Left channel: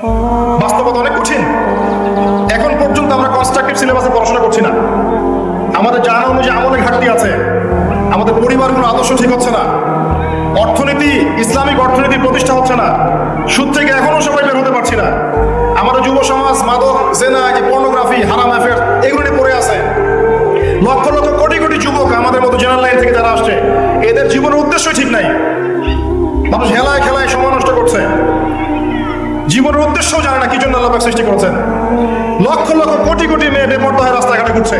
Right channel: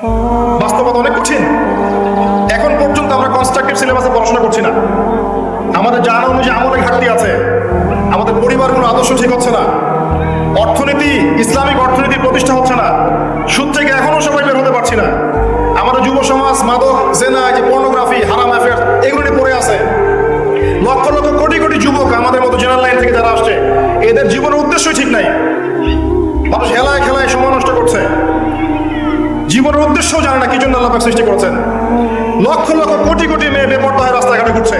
বাস্তবতা অনেক কঠিন এখন পর্যন্ত আমরা কনস্ট্রাক্টেড সিলেবাসে পড়াশোনা করছি না। আমাদের জানা অনুযায়ী আমাদের ঘাটতি আছে, আমাদের পরিবারগুলো আদর্শ ঠিক হচ্ছে না। অর্থনীতি, ইসলামিক অর্থনীতি প্রতিষ্ঠা হচ্ছে না। সুদ থেকে এখনও সেটা বের হতে পারছি না। আমাদের যুব সমাজ, মাদক এই যে পর্নোগ্রাফি হারাম এগুলো পড়ে আছে। লক্ষ লক্ষ কোটি কোটি যুবক আমাদের মতো জেনারেল লাইন থেকে যারা আসছে, এদের জীবনের উদ্দেশ্য ঠিক নাই। জীবনের উদ্দেশ্য জানে না কি জন্য আল্লাহ সৃষ্টি করছেন। লক্ষ লক্ষ কোটি কোটি মেয়ে বেপর্দা হয়ে রাস্তাঘাটে ঘুরছে।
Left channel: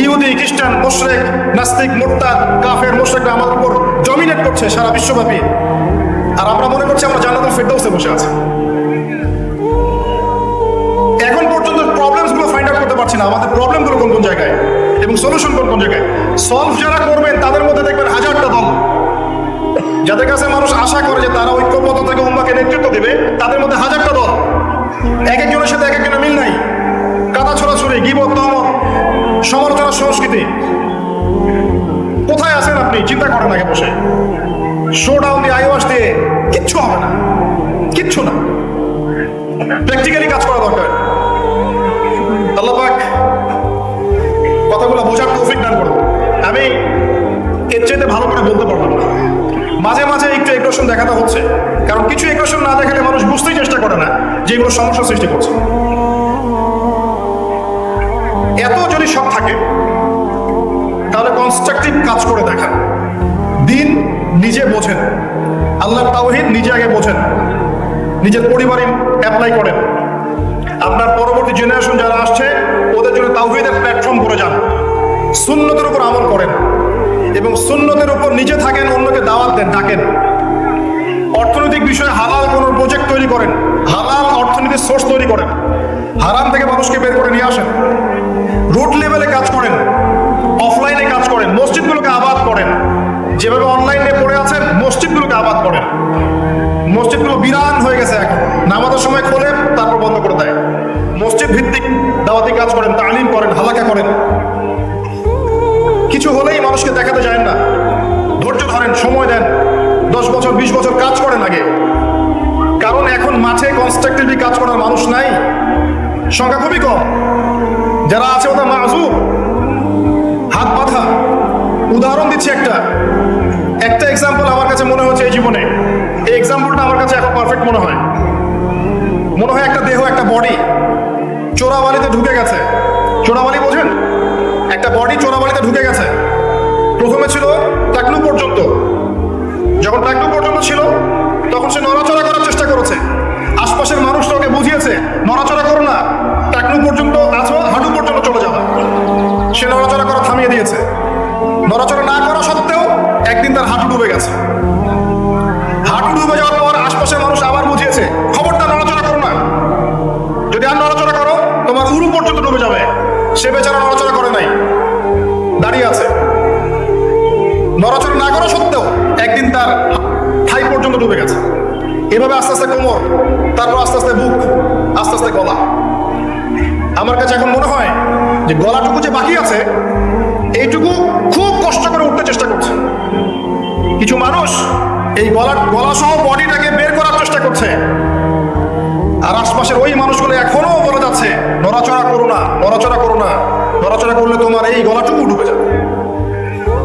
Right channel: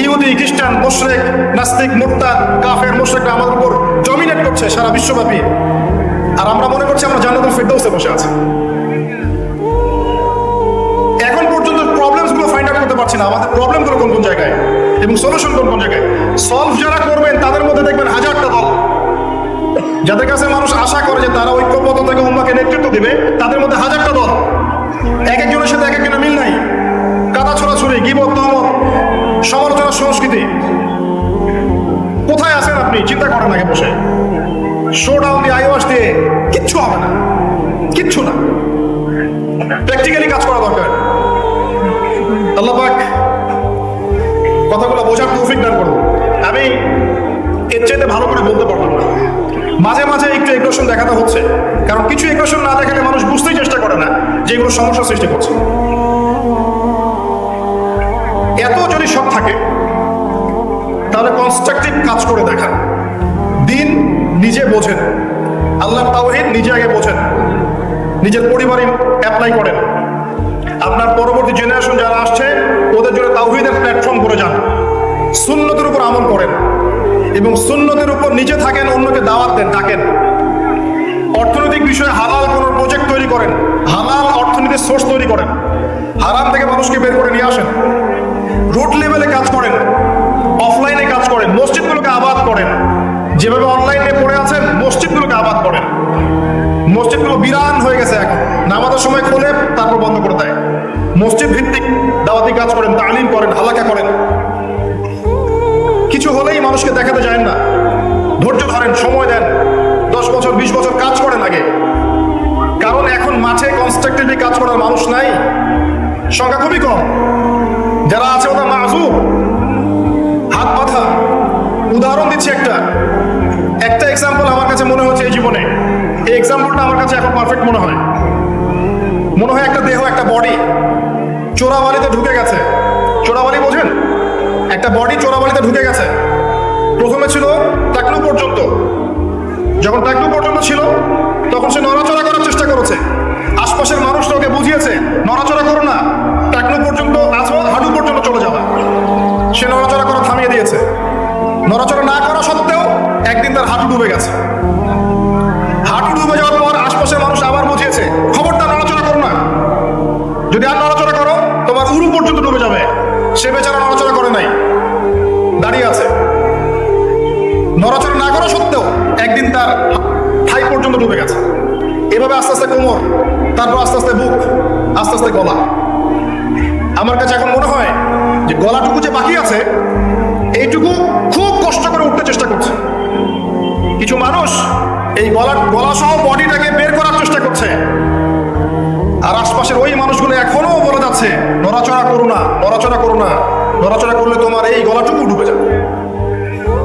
ইহুদি, খ্রিস্টান, মোশরেক, নাস্তিক মুরতাদ কাফের মোশরেক আমাদের উপর ডমিনেট করছে সারা বিশ্বব্যাপী। আর আমরা মনে করছি আমরা জান্নাতের ফেরদাউসে বসে আছি। এখন পর্যন্ত প্রবলেমসগুলো ফাইন্ড করতে পারছি না। আমাদের প্রবলেমগুলো কোন কোন জায়গায়? এবং সলিউশন কোন কোন জায়গায়? সলভ যারা নেতৃত্ব দিবে, তাদের মধ্যে হাজারটা দল। এক একজনের সাথে এক একজনের মিল নাই। কথা ছড়াছড়ি, গিবত, দমন, সমালোচনা, সংস্কৃতি। কোথায় আছেন আপনি? চিন্তা করেন আগে বসে। শো ডাউন দিয়ে আইওয়াস দিয়ে কিচ্ছু হবে না। সৃষ্টি করছে। এত যদি সব থাকে, তাহলে কনস্ট্রাকটিভ কাজ করে দেখেন। দিন নিজে বোঝেন। আল্লাহ নিজে আগে বোঝেন। নিজের পরিবারে অ্যাপ্লাই করেন। আপনার পরবর্তী জেনারেশন যারা আসছে, ওদের জন্য তাওহীদের প্ল্যাটফর্ম করে যান। সুন্নতের উপর আমল করেন। এবং সুন্নতের উপর নিজে থাকেন, অন্যকে দাওয়াত দেন, ডাকেন। অর্থনৈতিক বিষয়ে হালাল কোনো প্রজেক্ট তৈরি করেন। হালাল অর্থনীতির সোর্স তৈরি করেন হারাম থেকে মানুষকে বের করে নিয়ে আসেন রোড লেভেলে কাজ করেন অফলাইনে কাজ করেন মসজিদগুলোকে আবাদ করেন যেভাবে অনলাইনে পড়ে আছেন, মসজিদগুলোকে আবাদ করেন মসজিদগুলো বিরাম হয়ে গেছে এখন। নামাজের সময় খোলেন, তারপর বন্ধ করে দেয়। মসজিদ ভিত্তিক দাওয়াতি কাজ করেন, তালিম করেন, হালাকা সংখ্যা খুবই কম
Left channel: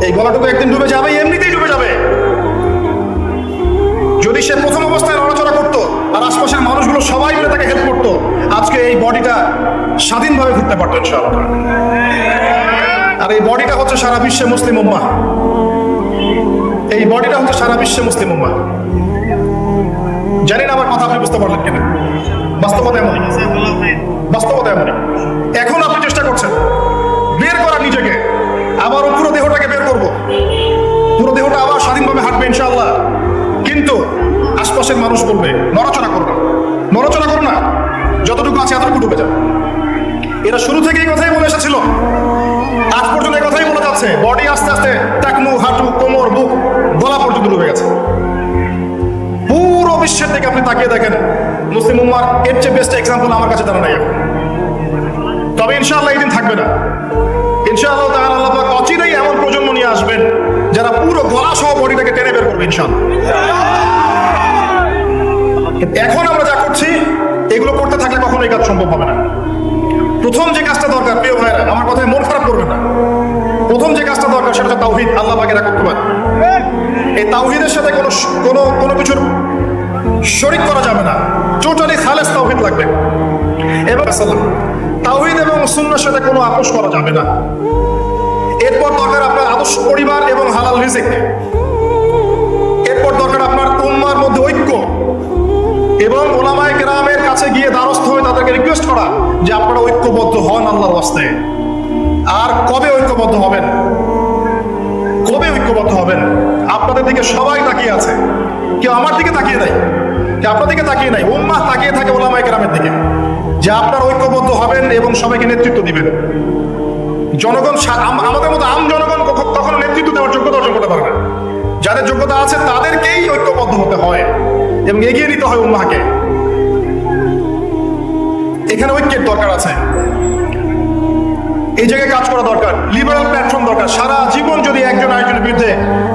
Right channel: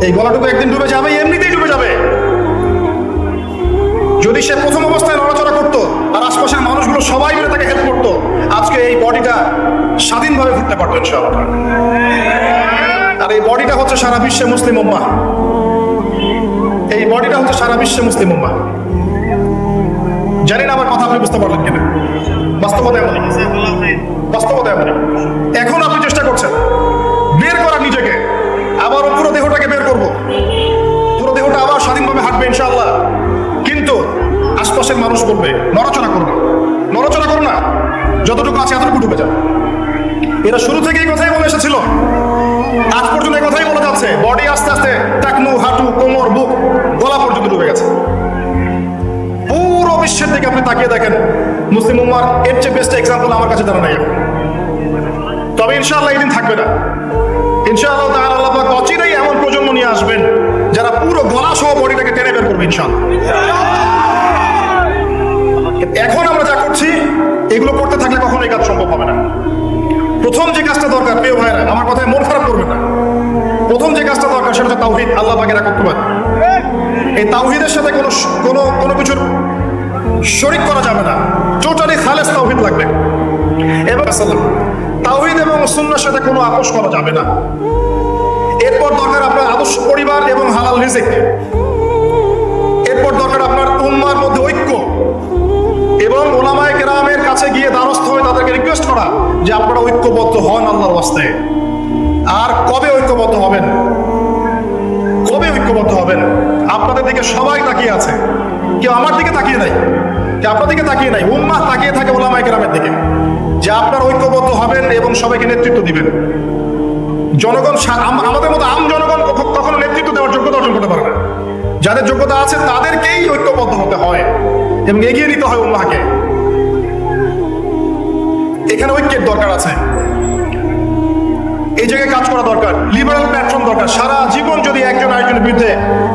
এই গলাটুকু একদিন ডুবে যাবে, এমনিতেই ডুবে যাবে। যদি সে প্রথম অবস্থায় নড়াচড়া করতো আর আশপাশের মানুষগুলো সবাই তাকে হেল্প করতো, আজকে এই বডিটা স্বাধীনভাবে ঘুরতে পারতো ইনশাআল্লাহ। আর এই বডিটা হচ্ছে সারা বিশ্বে মুসলিম উম্মা এই বডিটা হচ্ছে সারা বিশ্বে মুসলিম উম্মা জানি না আমার কথা আপনি বুঝতে পারলেন কিন্তু বাস্তবতা এমন। বাস্তবতা এমন। এখন আপনি চেষ্টা করছেন। বের করা নিজেকে। মানুষ করবে? নড়াচড়া করবে। নড়াচড়া করো না। যতটুকু আছে এতটুকু ডুবে যাবে এরা শুরু থেকে এই কথাই বলে এসেছিল। আজ পর্যন্ত এই কথাই বলে যাচ্ছে। বডি আস্তে আস্তে টাকনু, হাঁটু, কোমর, বুক, গলা পর্যন্ত ডুবে গেছে। পুরো বিশ্বের দিকে আপনি তাকিয়ে দেখেন। মুসলিম উম্মার এর চেয়ে বেস্ট এক্সাম্পল আমার কাছে তেমন নেই তবে ইনশাআল্লাহ এখন আমরা যা করছি। এগুলো করতে থাকলে কখনো এই কাজ সম্ভব হবে না। প্রথম যে কাজটা দরকার, প্রিয় ভাইরা আমার কথায় মন খারাপ করবে না। প্রথম যে কাজটা দরকার, সেটা তাওহিদ, আল্লাহ পাকেরা করতে পারে এই তাওহিদের সাথে কোনো কোনো কোনো কিছুর শরিক করা যাবে না। টোটালি খালেস তাওহিদ লাগবে। এবার সালাম এবং অসুন্নর সাথে কোনো আপোষ করা যাবে না। এরপর দরকার আপনার আদর্শ পরিবার এবং হালাল রিজিক। এবং ওলামায়ে কেরামের কাছে গিয়ে দ্বারস্থ হয়ে তাদেরকে রিকোয়েস্ট করা যে আপনারা ঐক্যবদ্ধ হন আল্লাহর ওয়াস্তে। আর কবে ঐক্যবদ্ধ হবেন? কবে ঐক্যবদ্ধ হবেন? আপনাদের দিকে সবাই তাকিয়ে আছে। কেউ আমার দিকে তাকিয়ে নাই। কেউ আপনার দিকে তাকিয়ে নাই। উম্মাহ তাকিয়ে থাকে ওলামায় কেরামের দিকে। যে আপনারা ঐক্যবদ্ধ হবেন এবং সবাইকে নেতৃত্ব দিবেন। জনগণ আমাদের মতো আম জনগণ কখনো নেতৃত্ব দেওয়ার যোগ্যতা অর্জন করতে পারবে যাদের যোগ্যতা আছে তাদেরকেই ঐক্যবদ্ধ হতে হয়। এবং এগিয়ে নিতে হয় উম্মাহকে। এখানে ঐক্যের দরকার আছে। এই জায়গায় কাজ করা দরকার। লিবারেল প্ল্যাটফর্ম দরকার। সারা জীবন যদি একজন আরেকজনের বিরুদ্ধে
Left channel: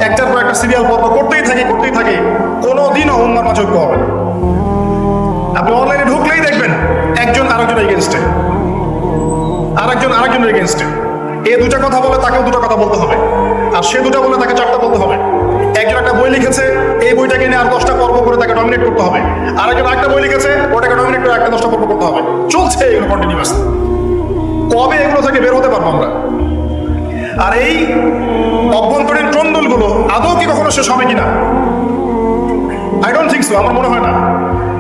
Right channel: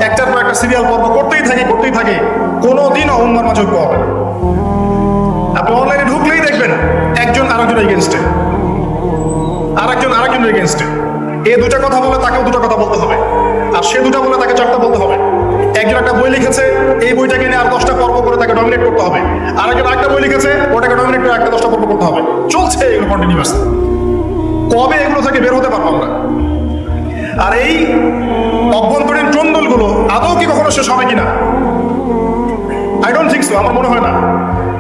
একটার পর একটা সিরিয়াল পর্ব করতেই থাকে করতেই থাকে, কোনোদিনও উন্নত যোগ্য আপনি ঢুকলেই দেখবেন, একজন আরেকজনের এগেনস্টে আরেকজন আরেকজনের এগেনস্টে এই দুটা কথা বলে, তাকেও দুটো কথা বলতে হবে। আর সে দুটা বলে, তাকে চারটা বলতে হবে। একজন একটা বই লিখেছে, এই বইটাকে নিয়ে আর দশটা চলছে এগুলো কন্টিনিউয়াস কবে এগুলো থেকে বের হতে পারব আমরা? আর এই অভ্যন্তরীণ টন্ডলগুলো আদৌ কি কখনো শেষ হবে কিনা? আই ডোন্ট থিঙ্ক সো আমার মনে হয় না।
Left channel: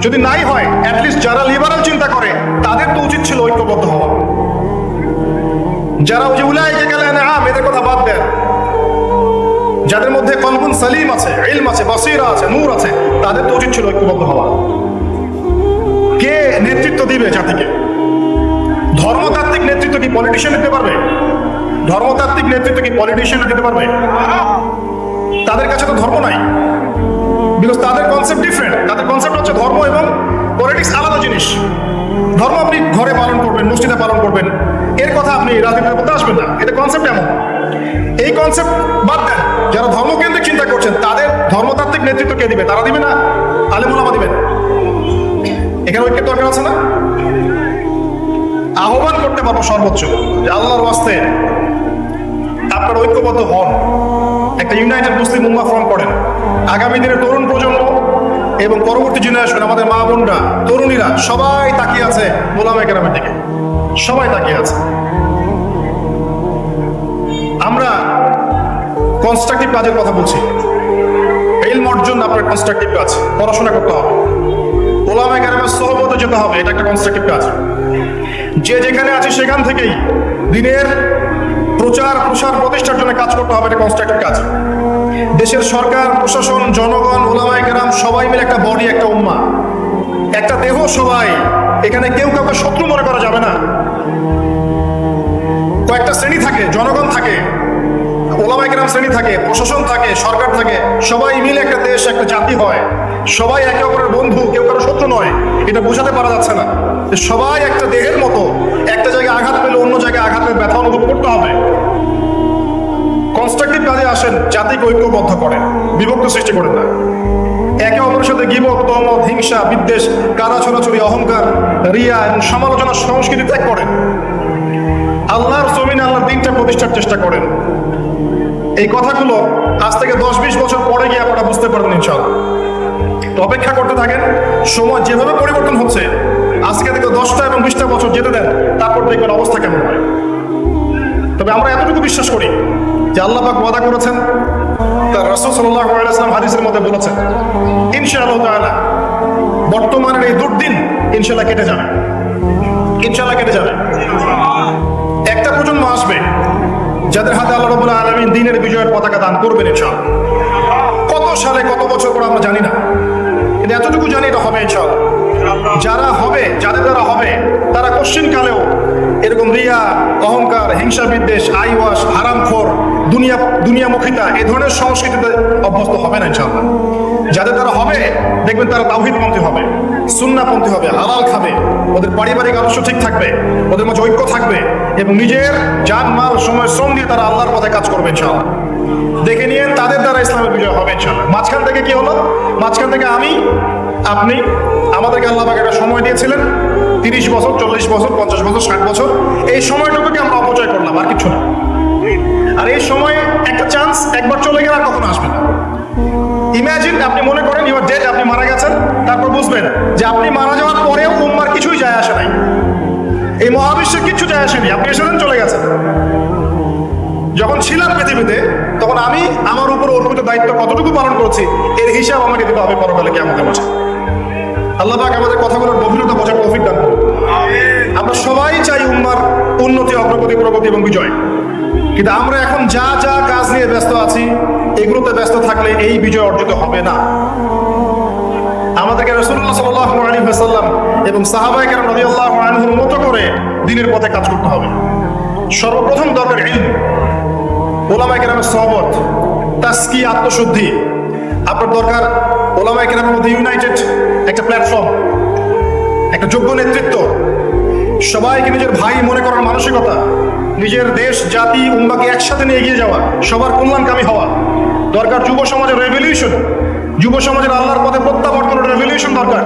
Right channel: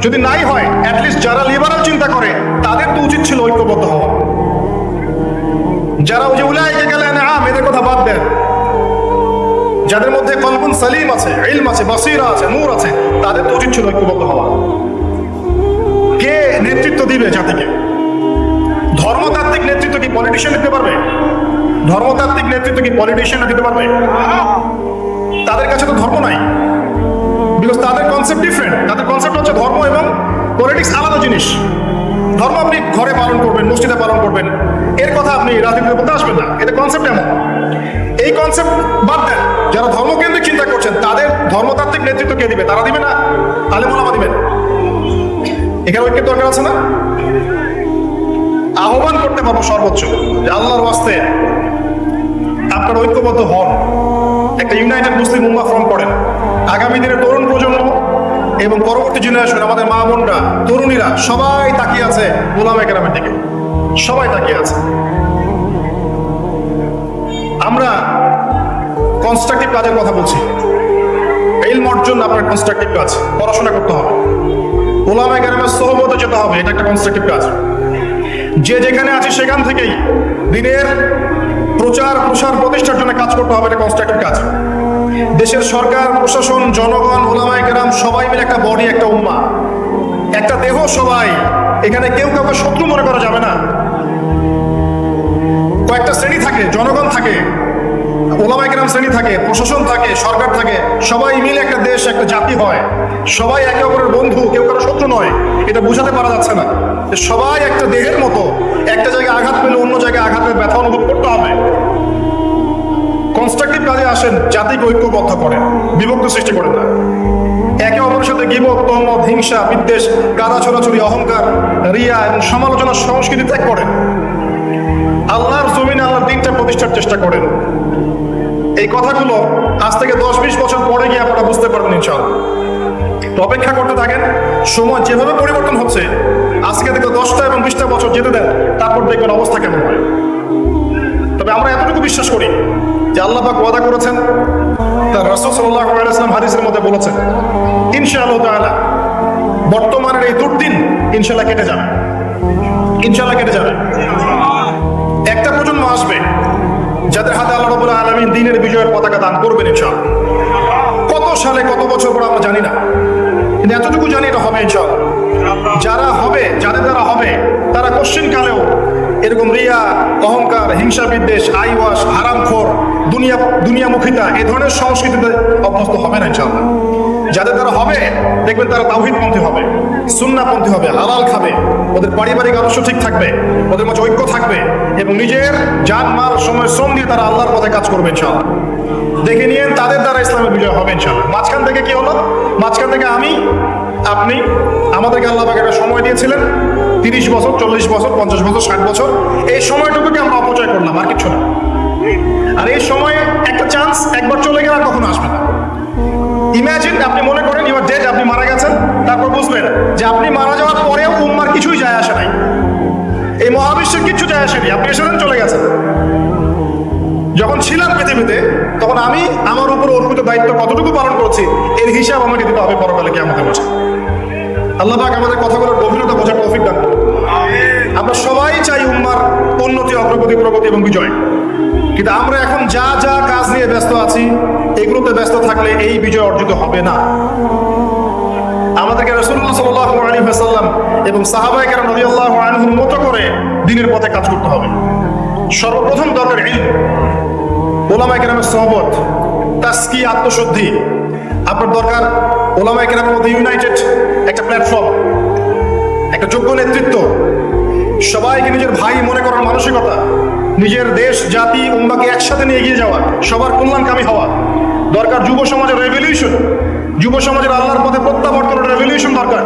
যদি নাই হয় অ্যাটলিস্ট যারা লিবারাল চিন্তা করে, তাদের তো উচিত ছিল ঐক্যবদ্ধ হওয়া। যারা ওই যে গেলে আম এদের কথা বাদ দেন। যাদের মধ্যে কলবুন সালিম আছে, ইলম আছে, বসিরা আছে, নূর আছে, তাদের তো উচিত ছিল ঐক্যবদ্ধ হওয়া। দিবে জাতিকে। ধর্মতাত্ত্বিক নেতৃত্ব কি পলিটিশিয়ান দিতে পারবে? ধর্মতাত্ত্বিক নেতৃত্ব কি পলিটিশিয়ান দিতে পারবে? তাদের কাছে তো ধর্ম নাই। বিকজ তাদের কনসেপ্ট ডিফারেন্ট তাদের কনসেপ্ট হচ্ছে ধর্ম এবং পলিটিক্স আলাদা জিনিস। ধর্ম আপনি ঘরে পালন করবেন, মসজিদে পালন করবেন। এর কথা আপনি রাজনীতির মধ্যে আসবেন না। এটা কনসেপ্ট এমন। এই কনসেপ্ট বাদ দেন। যারা ধর্মকেন্দ্রিক চিন্তা করছেন, তাদের ধর্মতাত্ত্বিক নেতৃত্ব কে দিবে? তারা দিবে না। এখানে ঐক্যের দরকার আছে না? আহ্বান করতে পারব সর্বোচ্চ। আল্লাহর বাস্তে আপনারা ঐক্যবদ্ধ হন। একটা ইউনাইটেড মুসলিম উম্মাহ ফর্ম করেন। আগামী দিনের তরুণ প্রজন্ম এবং পরবর্তী জেনারেশন আমাদের মা, বোনরা, তরুণীরা, সবাই তাকিয়ে আছে ওলামা গ্রামের দিকে। সবাই তাকিয়ে আছে। আমরা কনস্ট্রাকটিভ কাজের কথা বলছি। এলম অর্জন আপনার কনস্ট্রাকটিভ কাজ। পড়াশোনা করতে হবে। যেতে হবে। এটা একটা কনস্ট্রাকটিভ কাজ। যে যেখানে আছে সেখান থেকেই দিনের প্রচার, প্রসার, প্রতিষ্ঠার জন্য কাজ করতে হবে, এটা কনস্ট্রাকটিভ কাজ। দেশের সরকার, প্রশাসন, জনগণ, ওলামায় গ্রাম সবাই মিলে একটা বডি একটা উম্মা। একটা দেহ সবাই। এখানে কেউ কাউকে শত্রু মনে করা যাবে না। কয়েকটা শ্রেণি থাকে, জনগণ থাকে, ওলামায় গ্রাম শ্রেণি থাকে, প্রশাসন থাকে, সরকার থাকে, সবাই মিলে একটা দেশ, একটা জাতি হয়। সবাই একে অপরের এটা বোঝাতে পারা যাচ্ছে না যে সবাই একটা দেহের মতো একটা জায়গায় আঘাত পেলে অন্য জায়গায় আঘাতের ব্যথা অনুভব করতে হবে। কনস্ট্রাকটিভ কাজে আসেন, জাতিকে ঐক্যবদ্ধ করে বিভক্ত সৃষ্টি করে না। একে অপরের সাথে গিবক তমদ হিংসা, বিদ্বেষ, কাদা, ছড়াছড়ি, অহংকার, রিয়া এবং সমালোচনার সংস্কৃতি ত্যাগ করেন। আল্লাহর জমিনে আল্লাহ তিনটা প্রতিষ্ঠার চেষ্টা করেন। এই কথাগুলো আজ থেকে দশ বিশ বছর পরে গিয়ে আপনারা বুঝতে পারবেন ইনশাল্লাহ অপেক্ষা করতে সময় যেভাবে পরিবর্তন হচ্ছে, আজকে থেকে দশটা এবং বিশটা বছর যেতে দেন তারপর দেখবেন অবস্থা কেমন। হয় তবে আমরা এতটুকু বিশ্বাস করি যে আল্লাহ পাক ওয়াদা করেছেন, তার রসুল সাল্লাল্লাহু আলাইহি ওয়াসাল্লাম হাদিসের মধ্যে বলেছেন, ইনশাআল্লাহ তাআলা, বর্তমানের এই দুর্দিন ইনশাআল্লাহ কেটে যাবে। ইনশাআল্লাহ কেটে যাবে। একটা প্রজন্ম আসবে, যাদের হাতে আল্লাহ রাব্বুল আলামিন দিনের বিজয়ের পতাকা দান করবেন ইনশাআল্লাহ। কত সালে কত বছর পরে আমরা জানি না, কিন্তু এতটুকু ইনশাআল্লাহ যারা হবে, যাদের দ্বারা হবে, তারা কোশ্চেন কালেও এরকম রিয়া, অহংকার, হিংসা বিদ্বেষ, আইওয়াস হারামখোর দুনিয়া, দুনিয়ামুখিতা, এই ধরনের সংস্কৃতিতে অভ্যস্ত হবে না, ইনশাআল্লাহ। যাদের দ্বারা হবে, দেখবেন তারা তাওহীদপন্থী হবে সুন্নাপন্থী হবে, হালাল খাবে, ওদের পারিবারিক আদর্শ ঠিক থাকবে, ওদের মধ্যে ঐক্য থাকবে, এবং নিজের জানমাল সময়, শ্রম দিয়ে তারা আল্লাহর পথে কাজ করবে, ইনশাআল্লাহ। দেখে নিয়ে তাদের দ্বারা ইসলামের বিজয় হবে, ইনশাআল্লাহ। মাঝখান থেকে কি হলো? মাঝখান থেকে আমি আপনি আমাদেরকে আল্লাহ একটা সময় দিয়েছিলেন। তিরিশ বছর, চল্লিশ বছর, পঞ্চাশ বছর, ষাট বছর। এই সময়টুকুকে আমরা অপচয় করলাম আর কিছু না। আর এই সময়ে একটা চান্স একবার চলে গেলে আর কখনো আসবে না। ইমাজিন আপনি মনে করেন ইউর ডেড আপনি মারা গেছেন, তারপর বুঝবেন যে আপনি মারা যাওয়ার পরেও উম্মার কিছুই যায় আসে নাই। এই মহাবিশ্বের কিছু যায় আসেনি আপনি এসে চলে গেছেন। যখন ছিলাম পৃথিবীতে তখন আমি আমার উপর অর্পিত দায়িত্ব কতটুকু পালন করছি, এর হিসাব আমাকে দেবো আমি পরকালে কেমন বসে আল্লাহ পাক আমাদের কথাগুলোর গভীরতা বোঝার তৌফিক দান আমরা সবাই চাই উম্মার উন্নতি, অগ্রগতি, প্রগতি এবং বিজয়। কিন্তু আমরা এখন যা যা কাজ নিয়ে ব্যস্ত আছি, এগুলোতে ব্যস্ত থাকলে এই বিজয় অর্জিত হবে না। আমাদেরকে রসুল্লাহ সাল্লাল্লাহু আলাইহি ওয়াসাল্লাম এবং সাহাবায়ে কেরাম রাদিয়াল্লাহু আনহুর মতো করে দিনের পথে কাজ করতে হবে। সর্বপ্রথম দরকার সোহবত তাসকি আত্মশুদ্ধি। আপনার দরকার ওলামায়ে কেরামের মধ্যে ইউনাইটেড একটা প্ল্যাটফর্ম একটা যোগ্য নেতৃত্ব। সবাইকে নিজের ভাই মনে করার মানসিকতা, নিজের দেশ, জাতি, উম্মাকে একসাথে নিয়ে এগিয়ে যাওয়া, সবার কল্যাণকামী হওয়া। দরকার যুব সমাজের রেভলিউশন যুব সমাজের আল্লাহর পথে প্রত্যাবর্তনের রেভলিউশন দরকার।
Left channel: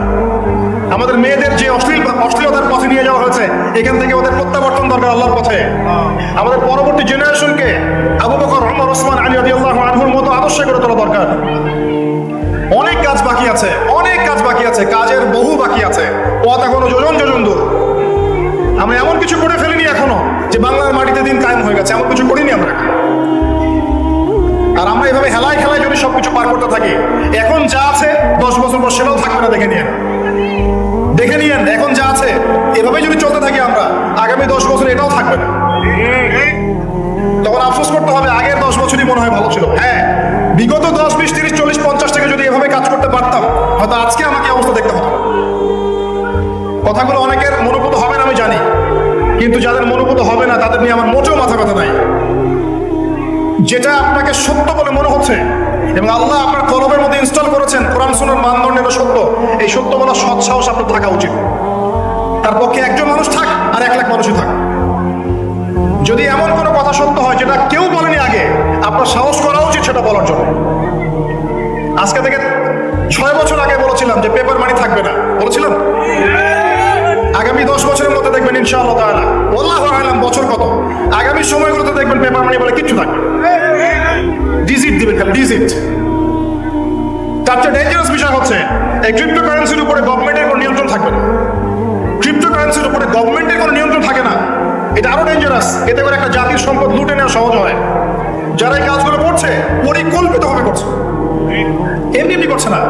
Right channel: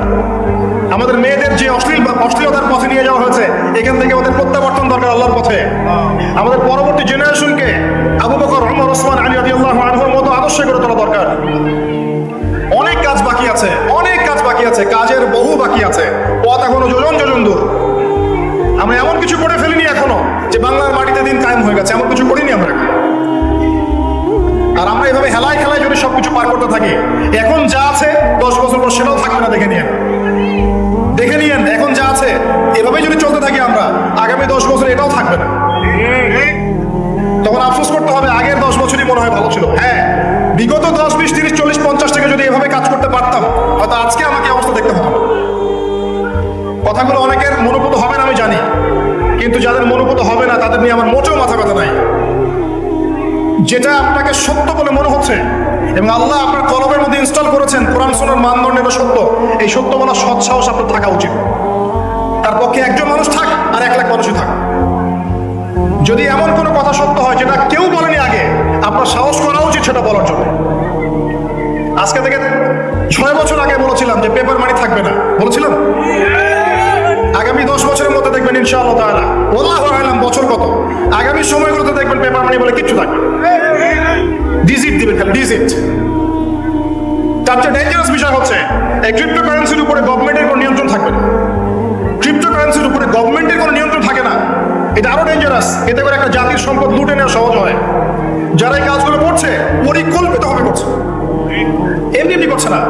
আমাদের মেয়েদের যে অশ্লীল অশ্লীলতার পথে নিয়ে যাওয়া হয়েছে, এখান থেকে আমাদের প্রত্যাবর্তন দরকার আল্লাহর পথে। আমাদের পরবর্তী জেনারেশনকে আবু বকর মতো করে তোলা দরকার। অনেক কাজ বাকি আছে, অনেক কাজ বাকি আছে, কাজের বহু বাকি আছে। পথ এখনও আমরা এমন কিছু করে ফেলিনি এখনও যে বাংলার মাটিতে দিন কায়েম হয়ে গেছে, এমন কিছু করিনি আমরা। আর আমরা এভাবে হেলায় খেলায় যদি সবকিছু পার করতে থাকি, এখন যা আছে, দশ বছর পর সেটাও পারতাম হয়তো আজকে আমাকে অবস্থা দেখতে না। কথাগুলো অনেকের মনোভূত হবে না, আমি জানি। কিন্তু যাদের মনোভূত হবে না, তাদের নিয়ে আমার মোটেও মাথা কথা নাই। যেটা আপনাকে সত্য বলে মনে হচ্ছে, এবং আল্লাহ আপনার কলবের মধ্যে ইনস্টল করেছেন, কোরআন সোনার মানদণ্ড এটা সত্য। এই সত্য বলা সৎ সাহস আপনার থাকা উচিত। তার পক্ষে একজন মানুষ থাক, আর এক লাখ মানুষও থাক। যদি এমন কোনো কথা সত্য হয়, যেটা কেউ বলেনি আগে, আপনার সাহস করা উচিত সেটা বলার জন্য। আজকে থেকে ছয় বছর আগে বলেছিলাম যে পেপার মানি থাকবে না। বলেছিলাম? আগামী দশ বছরের মধ্যে দেখবেন ইনশাআল্লাহ বছর কত। আগামী সময়গুলোতে দেখবেন পেপার মানি বলে কিচ্ছু থাকবে ডিজিট দিবেন ডিজিট তার চেয়ে ডেঞ্জারাস বিষয় হচ্ছে, এই উপরে গভর্নমেন্টের কোনো নিয়ন্ত্রণ থাকবে না। ক্রিপ্টোকারেন্সির উপরে গভর্নমেন্টের কোনো নিয়ন্ত্রণ থাকে না। এটা আরও ডেঞ্জারাস এতে করে একটা জাতির সম্পদ লুটে নেওয়া সহজ হয়। যারা এই কাজগুলো করছে পরিকল্পিত ভাবে করছে। এমনি এমনি করছে না।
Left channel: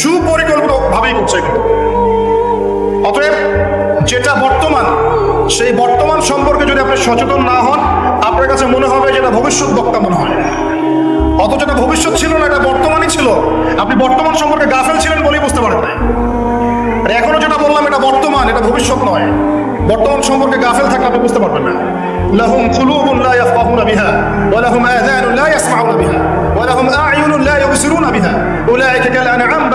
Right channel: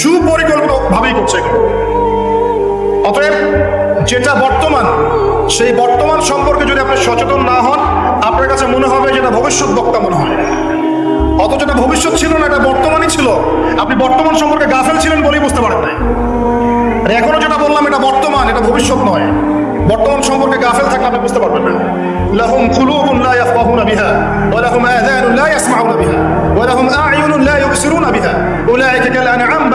সুপরিকল্পিত ভাবেই করছে। অতএব যেটা বর্তমান, সেই বর্তমান সম্পর্কে যদি আপনি সচেতন না হন, আপনার কাছে মনে হবে যেটা ভবিষ্যৎ বক্তব্য হবে। অথচ এটা ভবিষ্যৎ ছিল না, এটা বর্তমানই ছিল। আপনি বর্তমান সম্পর্কে গাফেল ছিলেন বলেই বুঝতে পারেন। এখনও যেটা বললাম, এটা বর্তমান, এটা ভবিষ্যৎ নয়। বর্তমান সম্পর্কে গাফেল থাকলে আপনি বুঝতে পারবেন না। লাহুম কুলুবুন লা ইয়াফকাহুনা বিহা, ওয়া লাহুম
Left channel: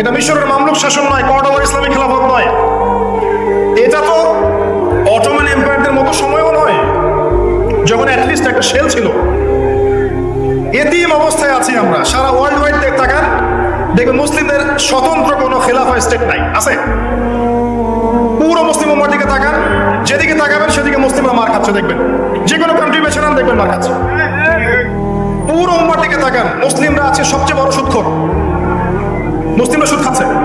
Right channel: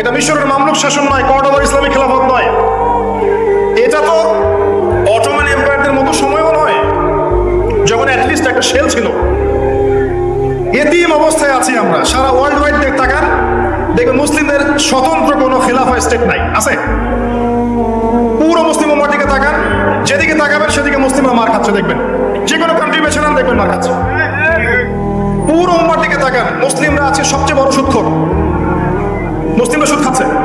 এটা মিশরের মামলুক শাসন নয় কর্ডোবার ইসলামী খেলাফত নয়। এটা তো অটোমান এম্পায়ারদের মতো সময়ও নয়, যখন অ্যাটলিস্ট একটা সেল ছিল। এতিম অবস্থায় আছি আমরা, সারা ওয়ার্ল্ড ওয়াইড দেখ তাকান, দেখবেন মুসলিমদের স্বতন্ত্র কোনো খেলাফা স্টেট নাই, আছে? পুরো মুসলিম উম্মার দিকে তাকান, যেদিকে তাকাবেন সেদিকে মুসলিমরা মার খাচ্ছে, দেখবেন। যে কোনো কান্ট্রি বেছে দেখবেন মার খাচ্ছে। পুরো উম্মার দিকে তাকান, মুসলিমরা আছে সবচেয়ে বড় সুৎখর মুসলিমরা সুদ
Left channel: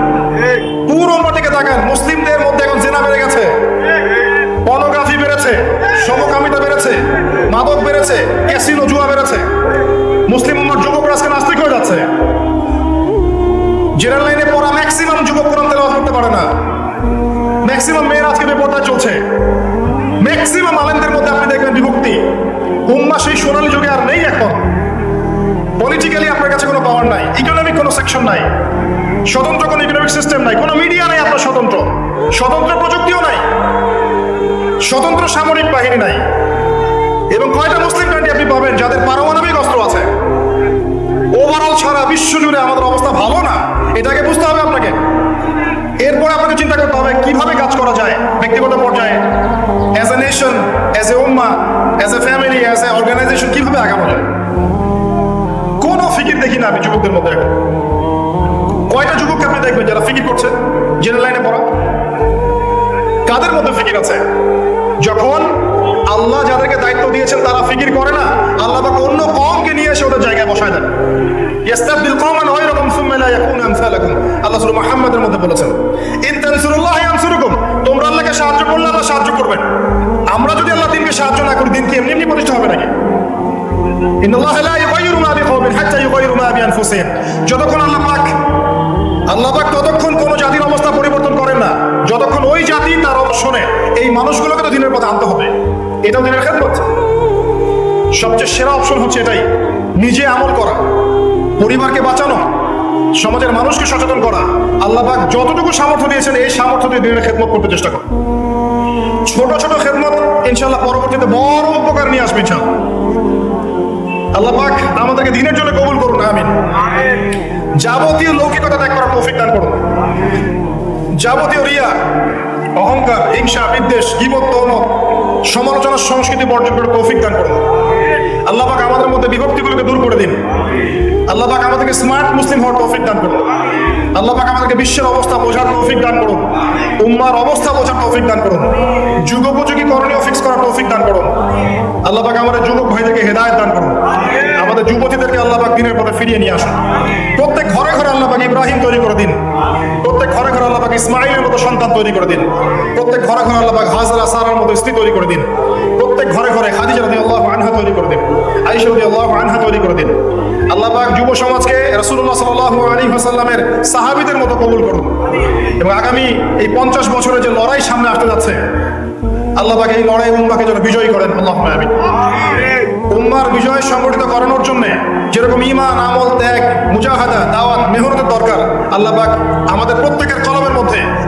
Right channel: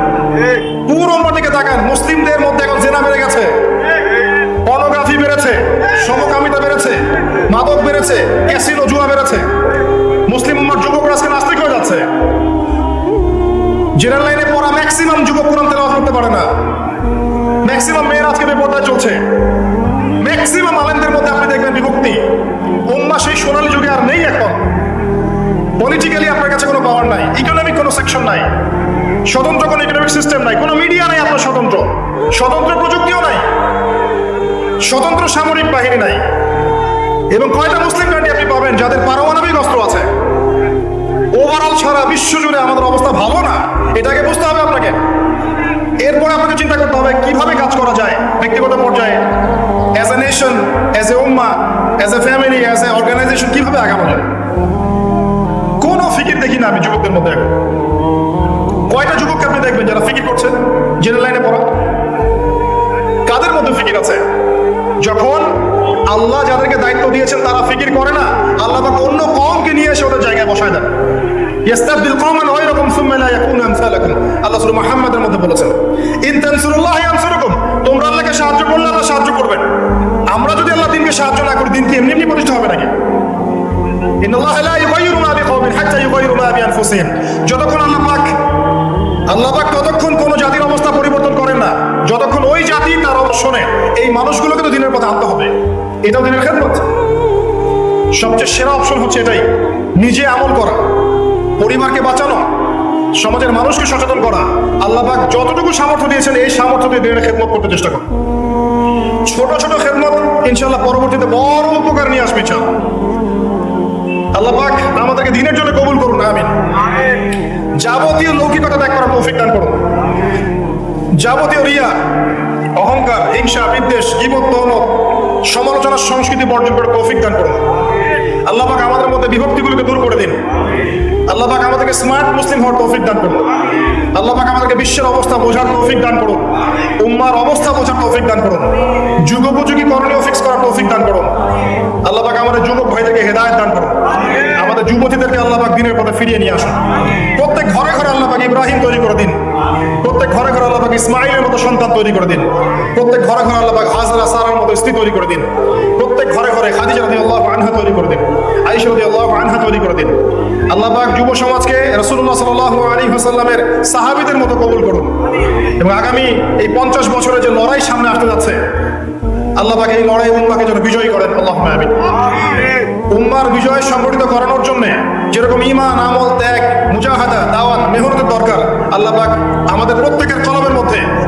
স্বতন্ত্র সামরিক বাহিনী নাই। এবং কয়টা মুসলিম কান্ট্রি আপনি পাবেন? যাদের পারমাণবিক অস্ত্র আছে। ওভারঅল সারা বিশ্ব জুড়ে আমাদের অবস্থা ভালো না। এটাকে বুঝতে হবে আপনাকে। এরপরে আপনাকে চিন্তা করতে হবে, কীভাবে কাজ করা যায়? ব্যক্তিগত পর্যায়ে as a nation as a Umma as a family as a organization কীভাবে আগানো যায়? কোন ফিকির দেখি না আমি যুবকদের মধ্যে। এখন কয়টা যুবককে আপনি দেখবেন যারা ফিকির করছে জেনারেল লাইনে পড়ো কাদের মধ্যে ফিকির আছে? যখন আল্লাহ যাদেরকে দায়িত্ব দিয়েছেন তারা ফিকির করে না, আল্লাহ তাকে অন্য কমকে নিয়ে এসে ওদের জায়গায় বসায় না যতক্ষণ কোন জাতির অবস্থা পরিবর্তন করেন না। যতক্ষণ ওই জাতি তার অবস্থ শোনে এই মানুষগুলোকে এটাও দিনের খেদমত। সবচেয়ে সেরা অপশন হচ্ছে এটাই, নিজে আমল করা। পরিবারকে বাঁচানো, সমাজের মানুষকে সচেতন করা। আল্লাহবাক যতটুকু সামর্থ্য দিয়েছেন, এই সামর্থ্য দিয়ে দিনের খেদমত করতে চেষ্টা করো ছোট ছোট খেদমত, ইনশাআল্লাহ পরবর্তীতে বড় উপকার নিয়ে আসবে, ইনশাআল্লাহ। আল্লাহ পাক আমাদেরকে দিনের জন্য কবুল করুন, আমিন। যাবতীয় লৌকিকতা ত্যাগ করার তৌফিক দান করুন। যাবতীয় রিয়া, অহংকার, হিংসা, বিদ্বেষ জীবন দহনত সমালোচনার সংস্কৃতি বর্জন করে তৌফিক দান করুন। আল্লাহ পাক আমাদের মধ্যে বিভক্তিগুলোকে দূর করে দিন। আল্লাহ পাক আমাদেরকে স্মার্ট মুসলিম হওয়ার তৌফিক দান করুন। আল্লাহ পাক আমাদেরকে বিশ্বের অবস্থা বোঝার তৌফিক দান করুন। উম্মার অবস্থা বোঝার তৌফিক দান করুন। যুগোপযোগী করণীয় ফিক্স করার তৌফিক দান করুন। আল্লাহ পাক আমাদের যুবক ভাইদেরকে হেদায়েত দান করুন। আমাদের যুবতীদেরকে আল্লাহ পাক দিনের পথে ফিরিয়ে নিয়ে আসুন। প্রত্যেক ঘরে ঘরে আল্লাহ পাক ইব্রাহিম তৈরি করে দিন। ঘরে ঘরে আল্লাহ ইসমাইলের মতো সন্তান তৈরি করে দিন। প্রত্যেক ঘরে ঘরে আল্লাহ হাজরা সাহেবের মতো স্ত্রী তৈরি করে দিন। প্রত্যেক ঘরে ঘরে খাদিজা রাদিয়াল্লাহু আনহা তৈরি করে দিন। আয়েশা রাদিয়াল্লাহু আনহা তৈরি করে দিন। আল্লাহ যুব সমাজকে মতো কবুল করুন। এবং আগামী এই 50 বছরের যে লড়াই সামনে আসতে যাচ্ছে, আল্লাহ পাক এই লড়াই উম্মাহকে যেন বিজয়ী করেন আমিন। উম্মার বিজয় সংগঠিত করানোর জন্য যেরকম ঈমান, আমল, ত্যাগ, মুজাহাদা, দাওয়াত, মেহনতের দরকার, আল্লাহ পাক আমাদের মধ্যে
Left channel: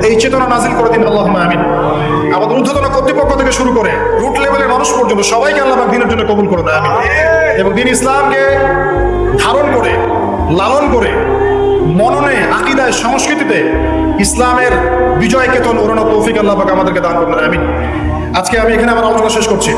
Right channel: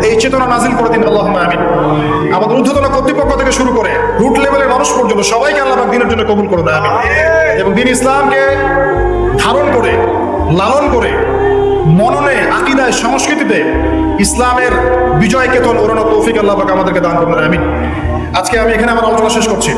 এই চেতনা নাজিল করে দিন আল্লাহুম্মা আমিন। আমাদের ঊর্ধ্বতন কর্তৃপক্ষ থেকে শুরু করে রুট লেভেলের মানুষ পর্যন্ত সবাইকে আল্লাহ দিনের জন্য কবুল করে দেয় এবং দিন ইসলামকে ধারণ করে লালন করে মননে আকিদায় সংস্কৃতিতে ইসলামের বিজয়কে তো ওড়ানো তৌফিক আল্লাহ আমাদেরকে দান করুন আমিন। আজকে আমি এখানে আমার আলোচনা শেষ করছি।